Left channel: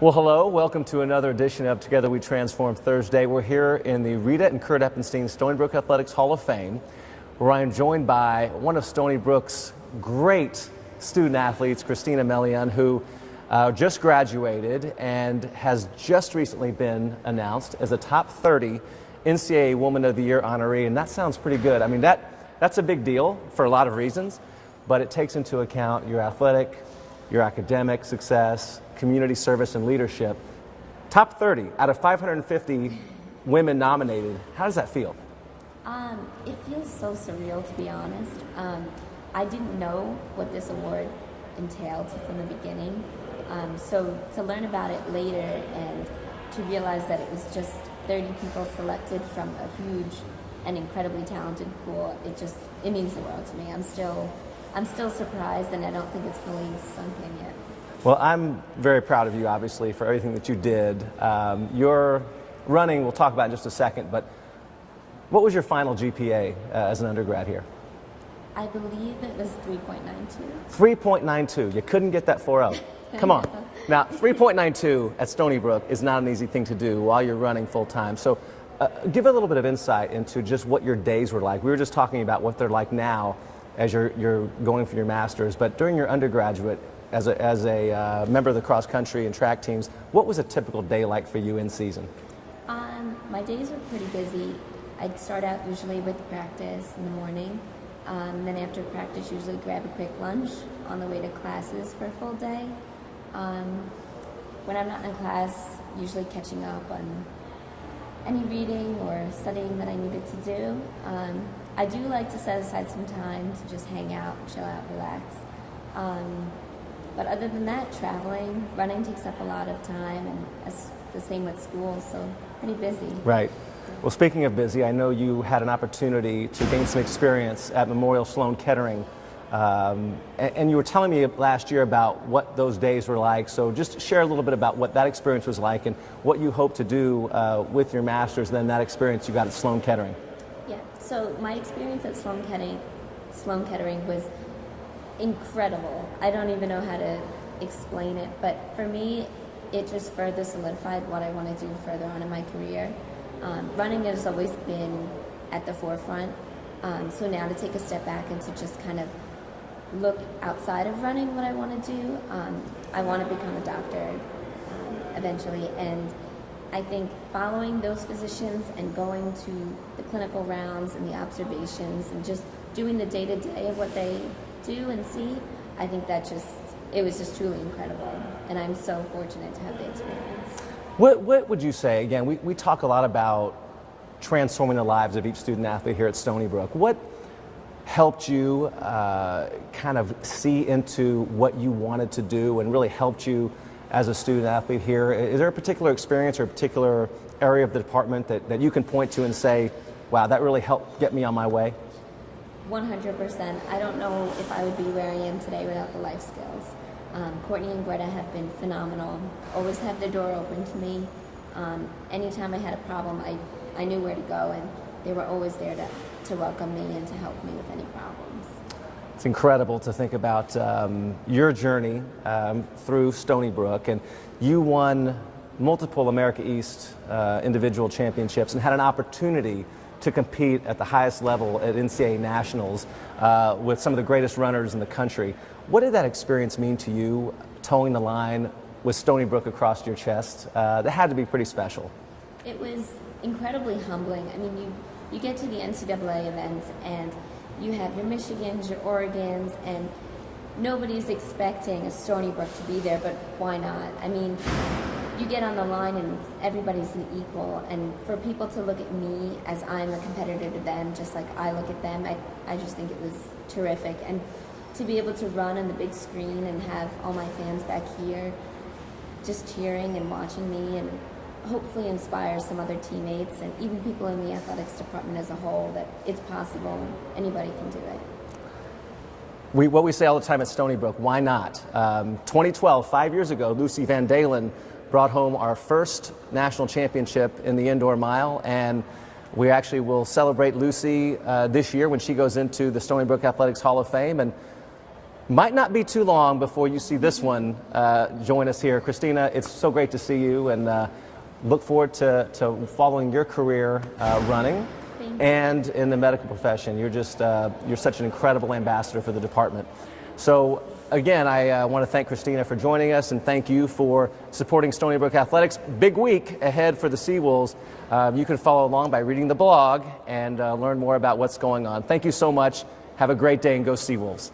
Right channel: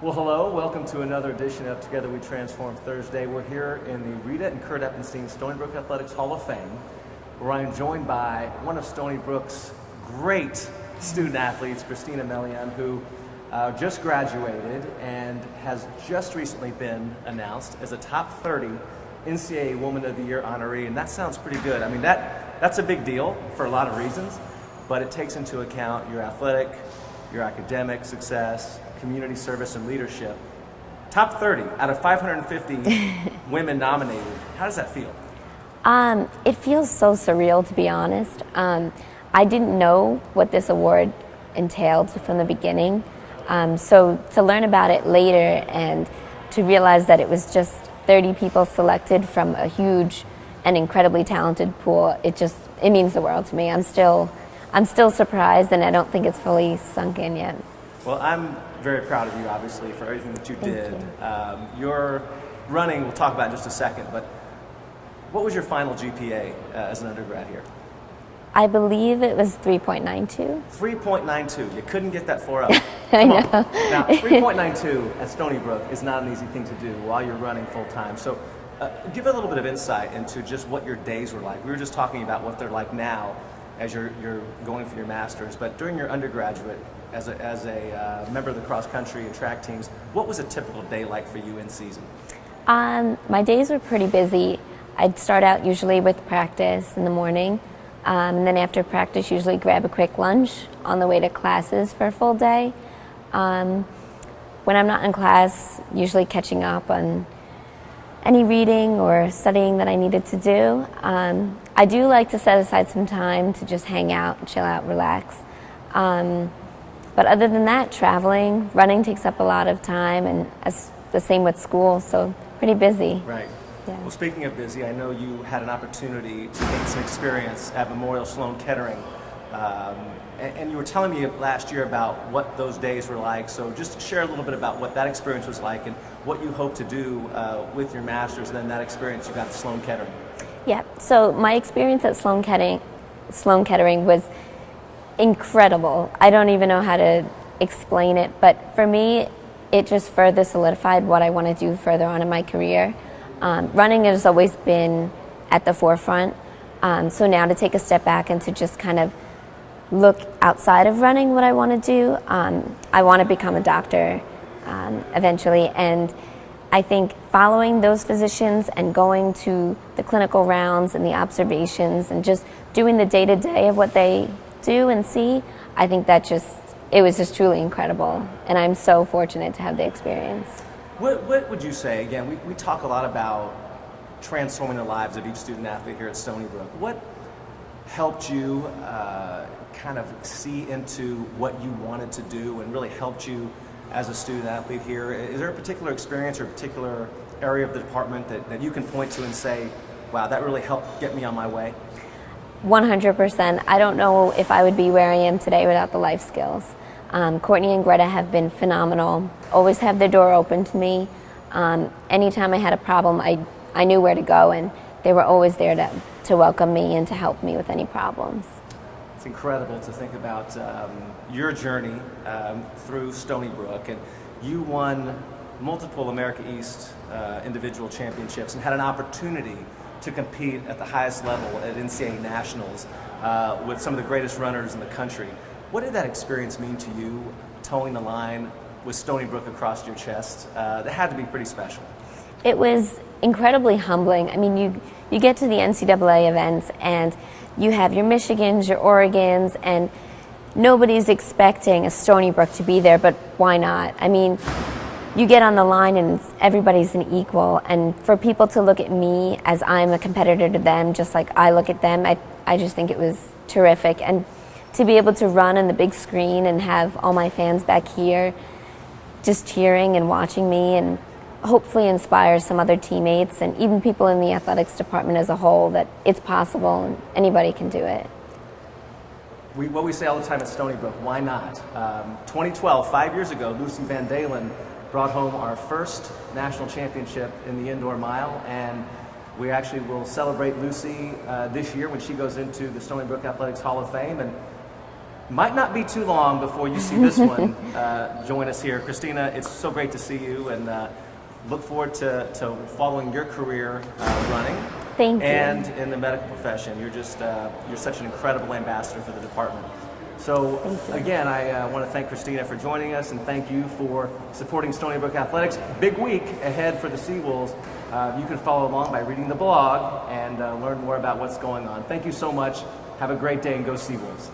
Well, hello. Welcome to another edition of Together We Transform Thursday. We're here in the Rita and Kurt Eppenstein Stony Brook Athletics Hall of Fame, where I am joined by one of Stony Brook's great student athletes, Christina Melian, who just graduated and has just recently been announced as a top 30 NCAA Woman of the Year honoree, and that sounds pretty good. I mean, that's a big deal for a lot of reasons, but it takes into account your athletic, your academic success, community service, and leadership. Top 30 out of 550 women nominated. How does that feel? It feels so surreal, to be honest. I didn't know what this award entailed from the beginning. So to learn about it later and to realize that it was just 30 people selected from a huge and incredibly talented pool, it means the world to me. I'm still surprised, and I don't think it's fully sunk in yet. Well, I'm very proud of you, obviously, for everything that you did. Your running, we'll talk about in just a second, but what was your final GPA as an undergrad here? I believe it was 3.92. 3.92. You couldn't get that 4 up. Come on. Now, 3.92 at Stony Brook is not an easy thing to do while you're running full time. So give a little bit of insight into just what your days were like. We were just talking about what they're like now as you're going for your master's, but during your undergraduate, as a member of the cross country and track teams, what was a typical day like for you in season? My days were pretty busy. I'd start out usually with practice in the morning, and then after practice usually grab a quick lunch on the way to classes for a full day. When I'm not in class, usually catching up on any reading or studying that I needed to do. I do like to set aside some time to just hang out, chill out, relax. But other than that, traveling, running takes up a lot of time, and the same with school, so pretty busy. Right. Yeah. Well, speaking of busy, I know you had an opportunity to gain some experience at Memorial Sloan Kettering, and you were telling me last year about what those days were like, so just share a little bit about what that experience was like and what you hope to do with your master's, then that experience you got at Sloan Kettering. Yeah, so my experience at Sloan Kettering was incredible. I don't even know how to explain it, but for me, it just further solidified what I want to do further on in my career. Running has always been at the forefront, so now to take a step back and to just kind of look outside of running what I want to do. I want to become a doctor eventually, and I think following those physicians and going to the clinical rounds and the observations and just doing the day-to-day of what they do and see, I think it was just truly incredible, and I'm so fortunate to have the experience. What would you say, again, we talk a lot about transforming the lives of each student athlete here at Stony Brook. What helped you kind of see into what you wanted to do and really helped you as a student athlete here? Is there a particular experience or a particular area of the department that you can point to and say, wow, that really helped get me on my way? 100%. I don't know if I would be where I am today without the life skills. Courtney and Greta have been phenomenal, always have their door open to me. Anytime I had a problem, I knew where to go, and they were always there to welcome me and to help me with any problems. It's incredible to think about your journey through Stony Brook, and you won multiple America East individual championships and had an opportunity to compete at the highest level at NCAA Nationals with some of the greatest runners in the country. What did that experience mean to you, towing the line with Stony Brook across your chest? That had to be pretty special. It was incredibly humbling. I mean, you get to the NCAA events and you have your Michigans, your Oregons, and nobody's expecting a Stony Brook to be there, but why not? I mean, you get on the line and everybody's an equal, and for people to look at me as I'm a competitor to them, just like I look at them, I just think it was terrific. And to be able to run on the big screen and have all my fans back here just cheering and watching me, and hopefully inspire some other teammates and even people in the athletics department as a whole that it's possible and anybody can do it. What we say all the time at Stony Brook, why not? 2012, 5 years ago, Lucy Van Dalen brought home our first national championship in the indoor mile, and we actually will celebrate Lucy this year when she goes into the Stony Brook Athletics Hall of Fame. And Might not be too long before you see this one join us here. Christina, it's so great to see you, and look forward to following your career running. Thank you. And in the medical profession. You're just, you're such an incredible ambassador for the department. So again, I want to thank Christina for joining us, and thank you for supporting Stony Brook Athletics. Big week ahead for the Seawolves. You can follow along by reading the blog and learn more about what's going on. Thank you so much. Have a great day, and go Seawolves.